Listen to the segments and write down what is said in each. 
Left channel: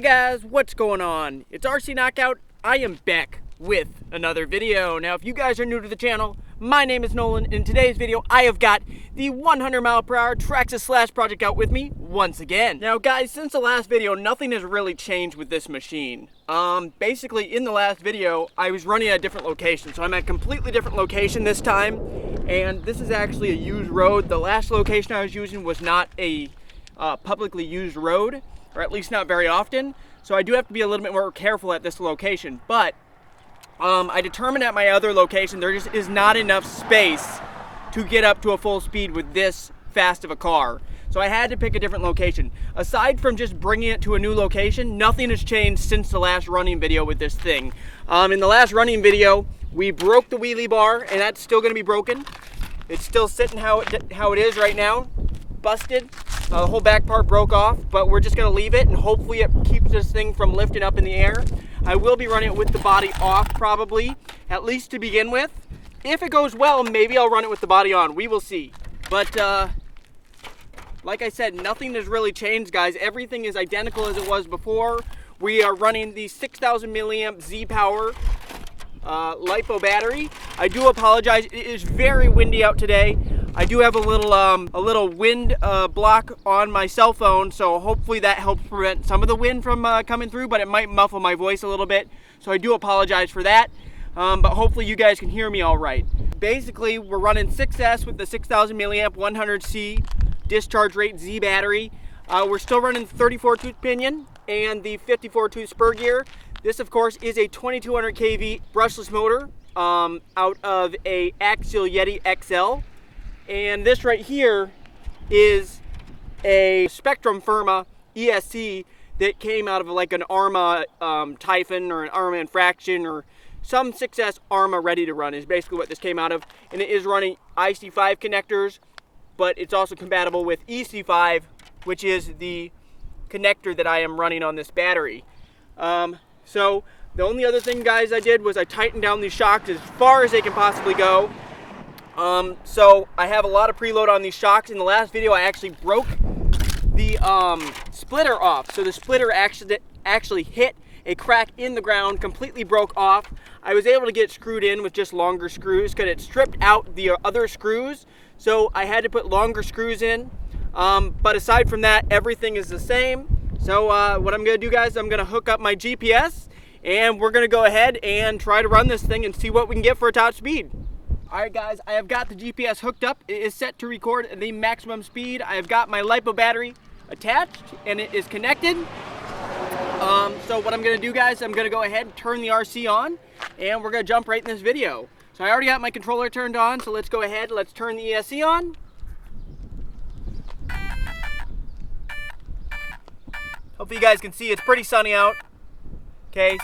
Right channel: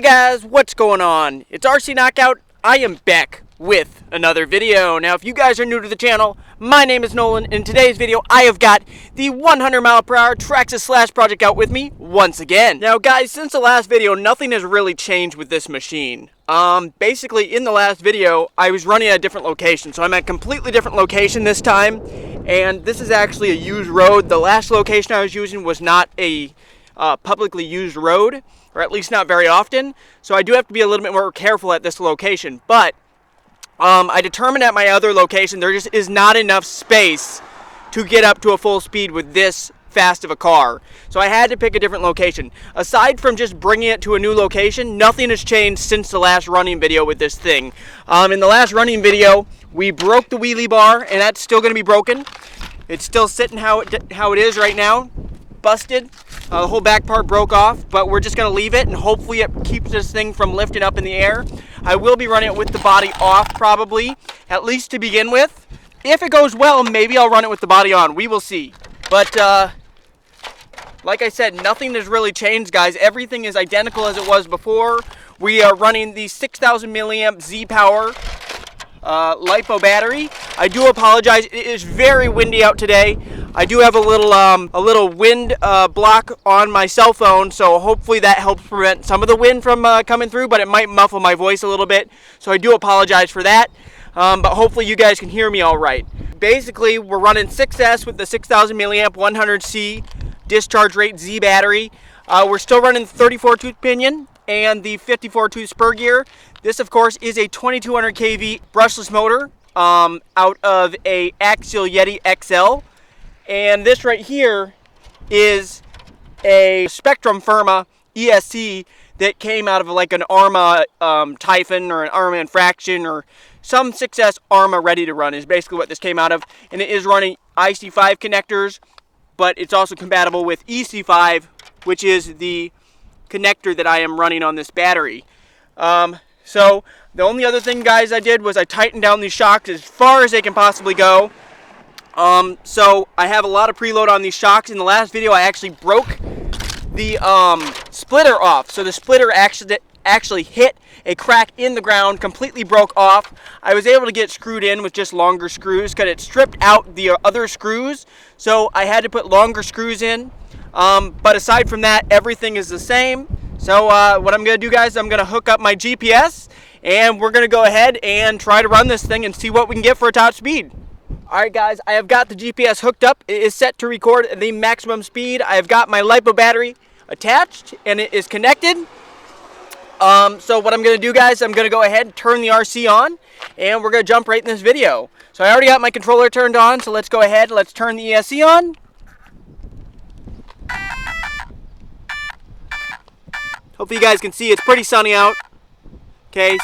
Hey guys, what's going on? It's RC Knockout. I am back with another video. Now if you guys are new to the channel, my name is Nolan. In today's video I have got the 100mph Traxxas Slash Project out with me once again. Now guys, since the last video nothing has really changed with this machine. Basically in the last video I was running at a different location, so I'm at a completely different location this time, and this is actually a used road. The last location I was using was not a publicly used road, or at least not very often, so I do have to be a little bit more careful at this location. But I determined at my other location there just is not enough space to get up to a full speed with this fast of a car, so I had to pick a different location. Aside from just bringing it to a new location, nothing has changed since the last running video with this thing. In the last running video we broke the wheelie bar, and that's still going to be broken. It's still sitting how it is right now, busted. The whole back part broke off, but we're just going to leave it, and hopefully it keeps this thing from lifting up in the air. I will be running it with the body off probably, at least to begin with. If it goes well, maybe I'll run it with the body on. We will see. But like I said, nothing has really changed, guys. Everything is identical as it was before. We are running the 6,000 milliamp Z-Power LiPo battery. I do apologize. It is very windy out today. I do have a little wind block on my cell phone, so hopefully that helps prevent some of the wind from coming through, but it might muffle my voice a little bit, so I do apologize for that. But hopefully you guys can hear me all right. Basically, we're running 6S with the 6,000 milliamp 100C discharge rate Z battery. We're still running 34 tooth pinion and the 54 tooth spur gear. This, of course, is a 2200 kV brushless motor out of a Axial Yeti XL. And this right here is a Spectrum Firma ESC that came out of like an Arma Typhon or an Arma Infraction or some 6S Arma ready to run is basically what this came out of. And it is running IC5 connectors, but it's also compatible with EC5, which is the connector that I am running on this battery. So the only other thing, guys, I did was I tightened down these shocks as far as they can possibly go. So I have a lot of preload on these shocks. In the last video I actually broke the splitter off. So the splitter actually hit a crack in the ground, completely broke off. I was able to get screwed in with just longer screws because it stripped out the other screws. So I had to put longer screws in. But aside from that, everything is the same. So what I'm going to do, guys, I'm going to hook up my GPS, and we're going to go ahead and try to run this thing and see what we can get for a top speed. Alright guys, I have got the GPS hooked up. It is set to record the maximum speed. I have got my LiPo battery attached and it is connected. So what I'm going to do, guys, I'm going to go ahead and turn the RC on and we're going to jump right in this video. So I already got my controller turned on, so let's go ahead and let's turn the ESC on. Hopefully you guys can see it's pretty sunny out. Okay,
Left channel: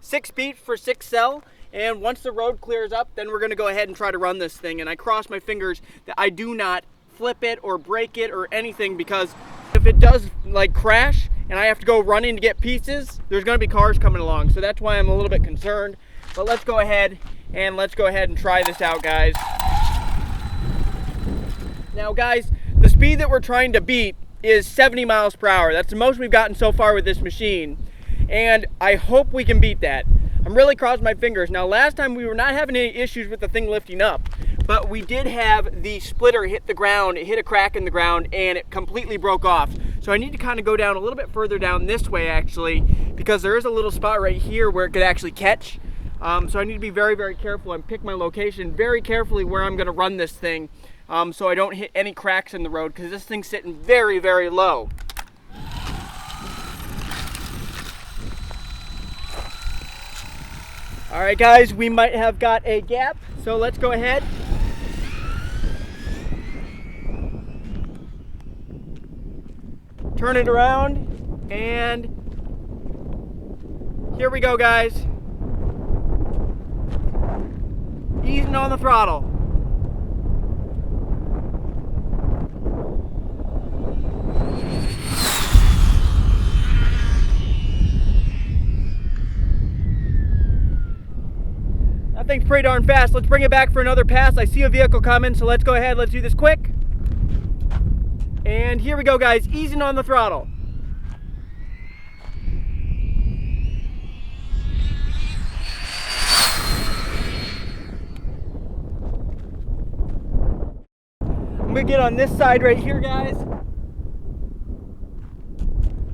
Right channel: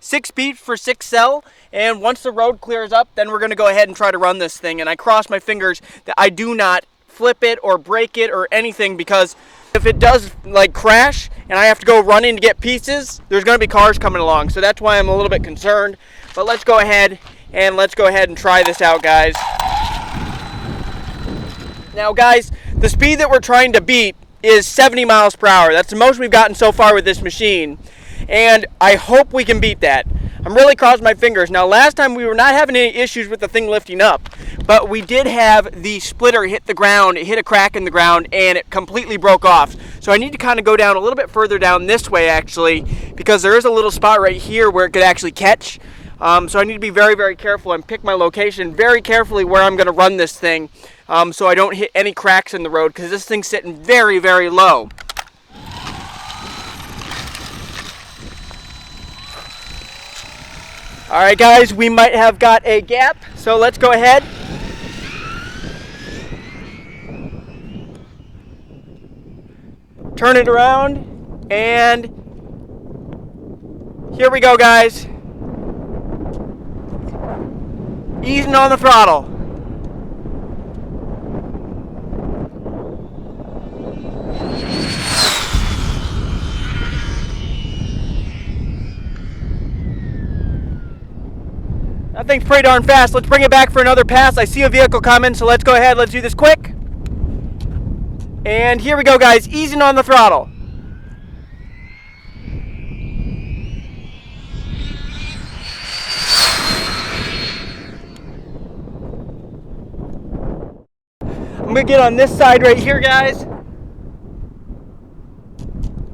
6 speed for 6 cell. And once the road clears up, then we're going to go ahead and try to run this thing. And I cross my fingers that I do not flip it or break it or anything, because if it does like crash and I have to go running to get pieces, there's going to be cars coming along. So that's why I'm a little bit concerned. But let's go ahead and try this out, guys. Now guys, the speed that we're trying to beat is 70 miles per hour. That's the most we've gotten so far with this machine. And I hope we can beat that. I'm really crossing my fingers. Now last time we were not having any issues with the thing lifting up, but we did have the splitter hit the ground. It hit a crack in the ground and it completely broke off. So I need to kind of go down a little bit further down this way actually, because there is a little spot right here where it could actually catch. So I need to be very, very careful and pick my location very carefully where I'm going to run this thing, so I don't hit any cracks in the road, because this thing's sitting very, very low. Alright guys, we might have got a gap, so let's go ahead. Turn it around, and here we go, guys. Easing on the throttle. That thing's pretty darn fast. Let's bring it back for another pass. I see a vehicle coming, so let's go ahead. Let's do this quick. And here we go, guys. Easing on the throttle. gonna get on this side right here, guys.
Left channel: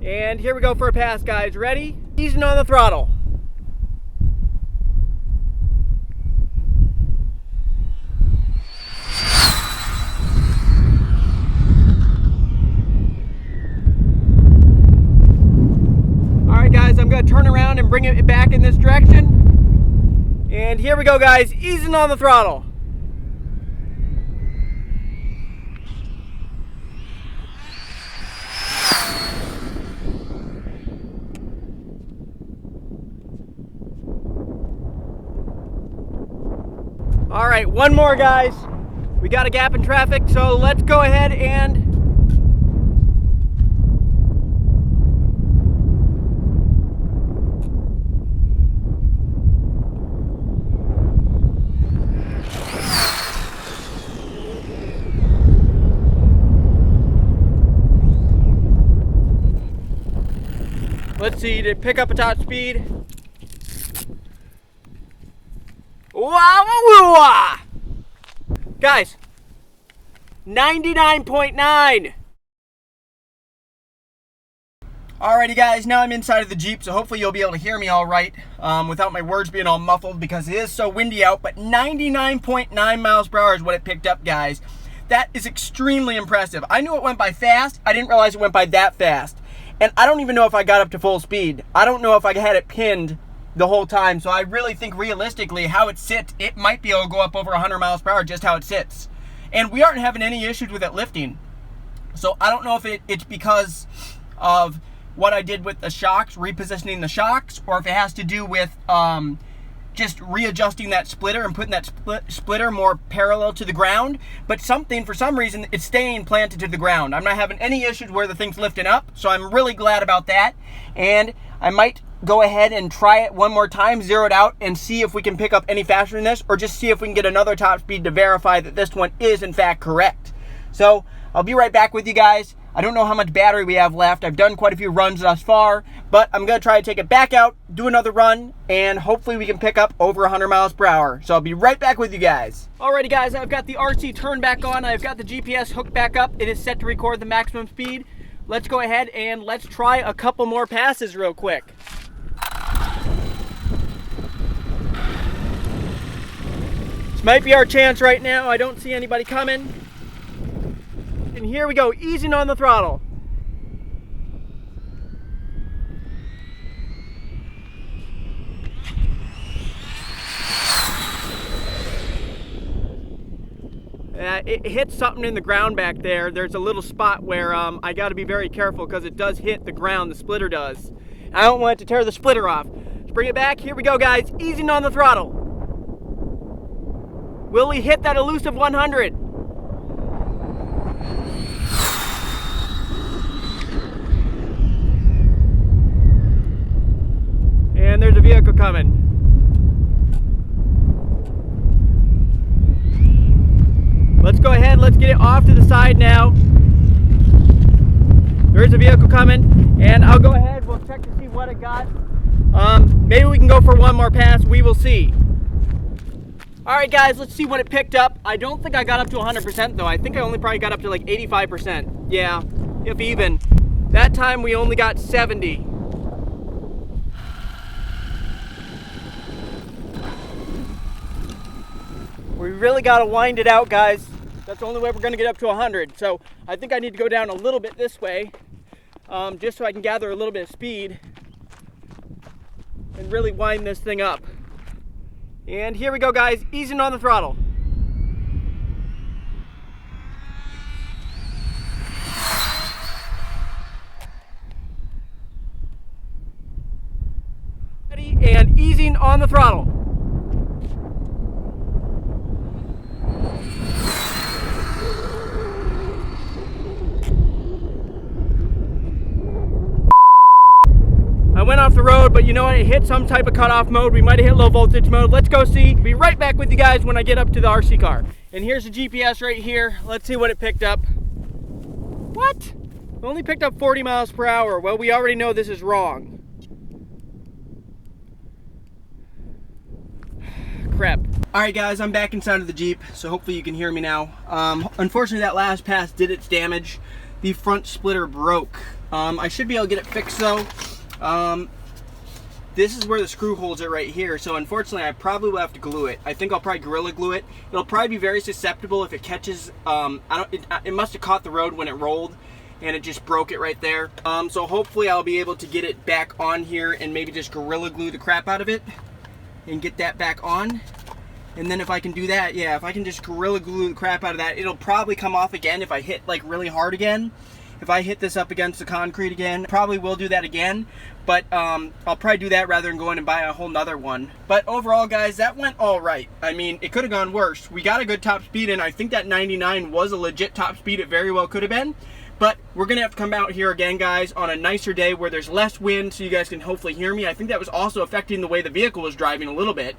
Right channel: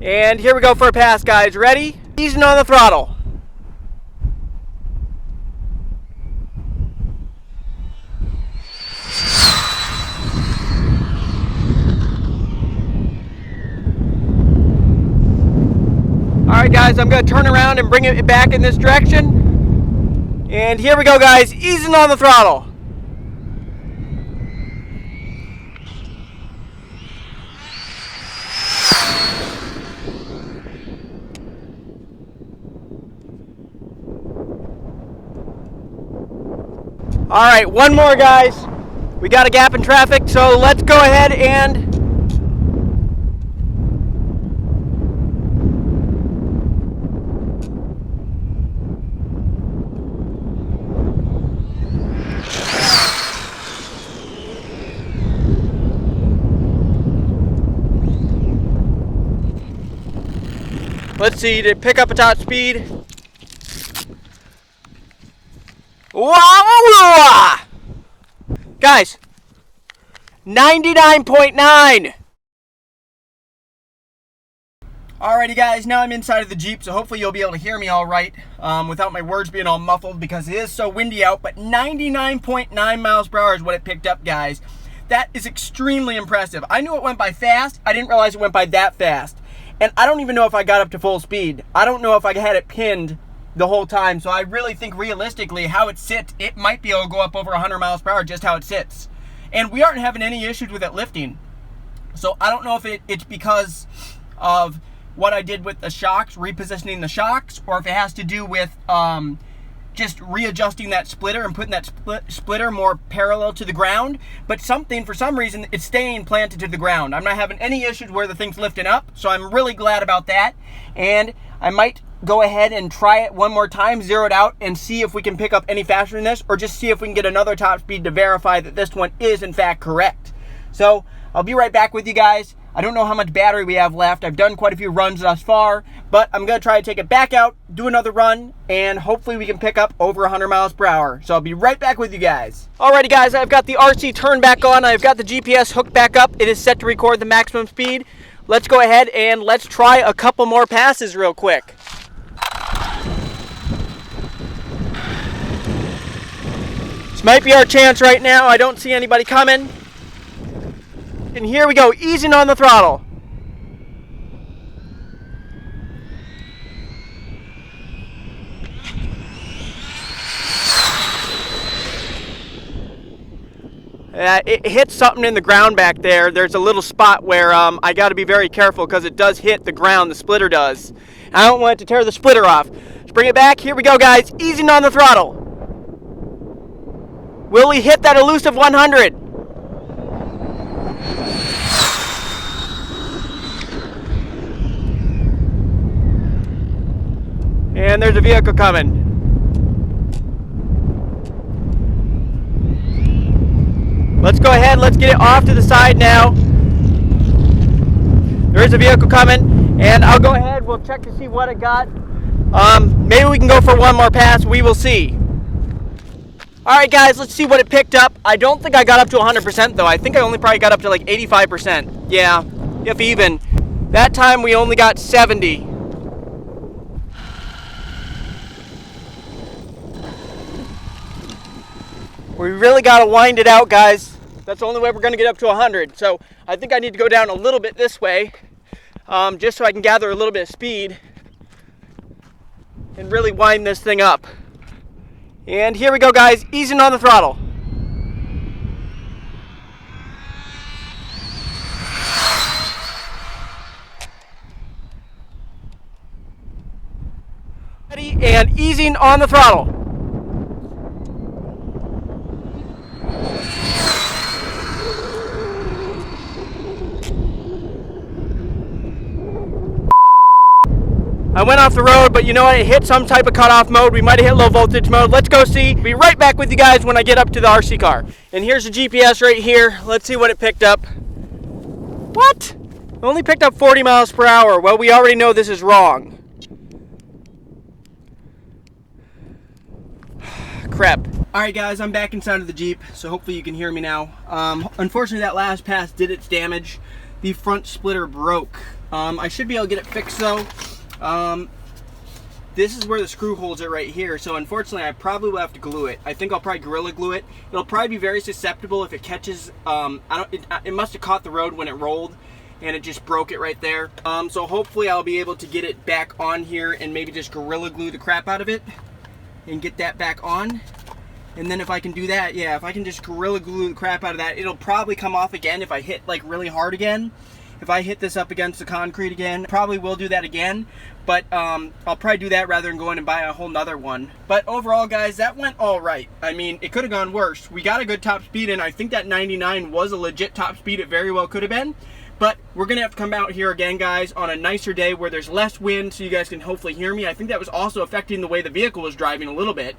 And here we go for a pass, guys. Ready? Easing on the throttle. Alright guys, I'm going to turn around and bring it back in this direction. And here we go, guys, easing on the throttle. Alright, one more, guys. We got a gap in traffic, so let's go ahead and let's see, to pick up a top speed. Wow! Guys, 99.9. Alrighty guys, now I'm inside of the Jeep, so hopefully you'll be able to hear me all right without my words being all muffled because it is so windy out, but 99.9 miles per hour is what it picked up, guys. That is extremely impressive. I knew it went by fast. I didn't realize it went by that fast. And I don't even know if I got up to full speed. I don't know if I had it pinned the whole time, so I really think realistically how it sits, it might be able to go up over 100 miles per hour just how it sits. And we aren't having any issues with it lifting. So I don't know if it's because of what I did with the Shox, repositioning the Shox, or if it has to do with just readjusting that splitter and putting that splitter more parallel to the ground. But for some reason, it's staying planted to the ground. I'm not having any issues where the thing's lifting up, so I'm really glad about that. And I might go ahead and try it one more time, zero it out, and see if we can pick up any faster than this, or just see if we can get another top speed to verify that this one is in fact correct. So I'll be right back with you guys. I don't know how much battery we have left. I've done quite a few runs thus far, but I'm going to try to take it back out, do another run, and hopefully we can pick up over 100 miles per hour. So I'll be right back with you guys. Alrighty guys, I've got the RC turned back on. I've got the GPS hooked back up. It is set to record the maximum speed. Let's go ahead and let's try a couple more passes real quick. This might be our chance right now. I don't see anybody coming. And here we go, easing on the throttle. It hit something in the ground back there. There's a little spot where I got to be very careful because it does hit the ground, the splitter does. I don't want it to tear the splitter off. Let's bring it back. Here we go, guys. Easing on the throttle. Will we hit that elusive 100? And there's a vehicle coming. Let's go ahead, let's get it off to the side now. There is a vehicle coming, and I'll go ahead, we'll check to see what it got. Maybe we can go for one more pass, we will see. Alright guys, let's see what it picked up. I don't think I got up to 100% though. I think I only probably got up to like 85%. Yeah, if even. That time we only got 70. We really got to wind it out, guys. That's the only way we're going to get up to 100. So I think I need to go down a little bit this way, just so I can gather a little bit of speed and really wind this thing up. And here we go, guys, easing on the throttle. Ready, and easing on the throttle. I went off the road, but you know what? It hit some type of cutoff mode. We might have hit low voltage mode. Let's go see. Be right back with you guys when I get up to the RC car. And here's the GPS right here. Let's see what it picked up. What? It only picked up 40 miles per hour. Well, we already know this is wrong. crap. Alright guys, I'm back inside of the Jeep, so hopefully you can hear me now. Unfortunately that last pass did its damage. The front splitter broke. I should be able to get it fixed though. This is where the screw holds it right here, so unfortunately I probably will have to glue it. I think I'll probably Gorilla Glue it. It'll probably be very susceptible if it catches, it must have caught the road when it rolled and it just broke it right there. So hopefully I'll be able to get it back on here and maybe just Gorilla Glue the crap out of it and get that back on. And then if I can do that, yeah, if I can just Gorilla Glue the crap out of that, it'll probably come off again if I hit like really hard again. If I hit this up against the concrete again, probably will do that again. But I'll probably do that rather than going and buy a whole nother one. But overall, guys, that went all right. I mean, it could have gone worse. We got a good top speed, and I think that 99 was a legit top speed. It very well could have been. But we're going to have to come out here again, guys, on a nicer day where there's less wind so you guys can hopefully hear me. I think that was also affecting the way the vehicle was driving a little bit,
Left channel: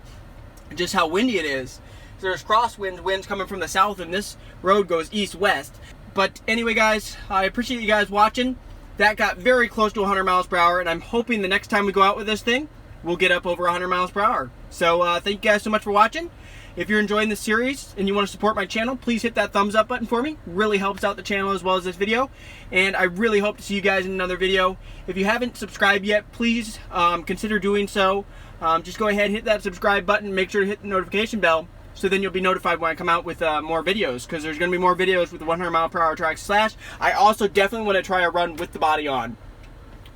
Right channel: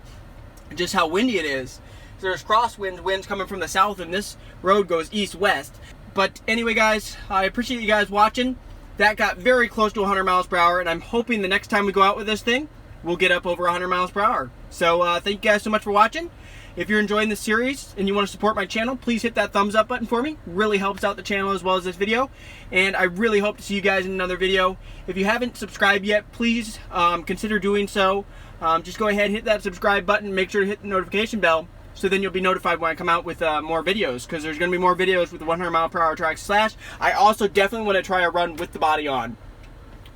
just how windy it is. So there's winds coming from the south, and this road goes east-west. But anyway, guys, I appreciate you guys watching. That got very close to 100 miles per hour, and I'm hoping the next time we go out with this thing, we'll get up over 100 miles per hour. So thank you guys so much for watching. If you're enjoying this series and you want to support my channel, please hit that thumbs up button for me. Really helps out the channel as well as this video. And I really hope to see you guys in another video. If you haven't subscribed yet, please consider doing so. Just go ahead and hit that subscribe button. Make sure to hit the notification bell, so then you'll be notified when I come out with more videos, because there's going to be more videos with the 100 mile per hour Traxxas Slash. I also definitely want to try a run with the body on,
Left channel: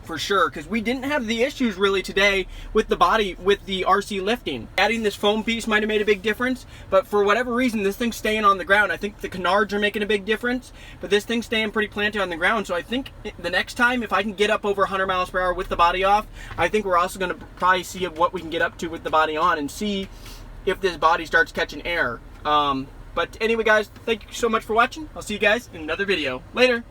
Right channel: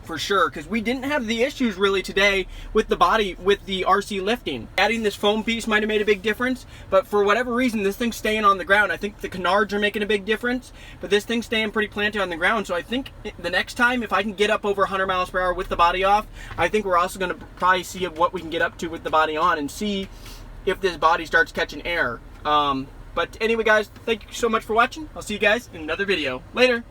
for sure, because we didn't have the issues really today with the body, with the RC lifting. Adding this foam piece might have made a big difference, but for whatever reason, this thing's staying on the ground. I think the canards are making a big difference, but this thing's staying pretty planted on the ground. So I think the next time, if I can get up over 100 miles per hour with the body off, I think we're also going to probably see what we can get up to with the body on and see if this body starts catching air. But anyway, guys, thank you so much for watching. I'll see you guys in another video. Later.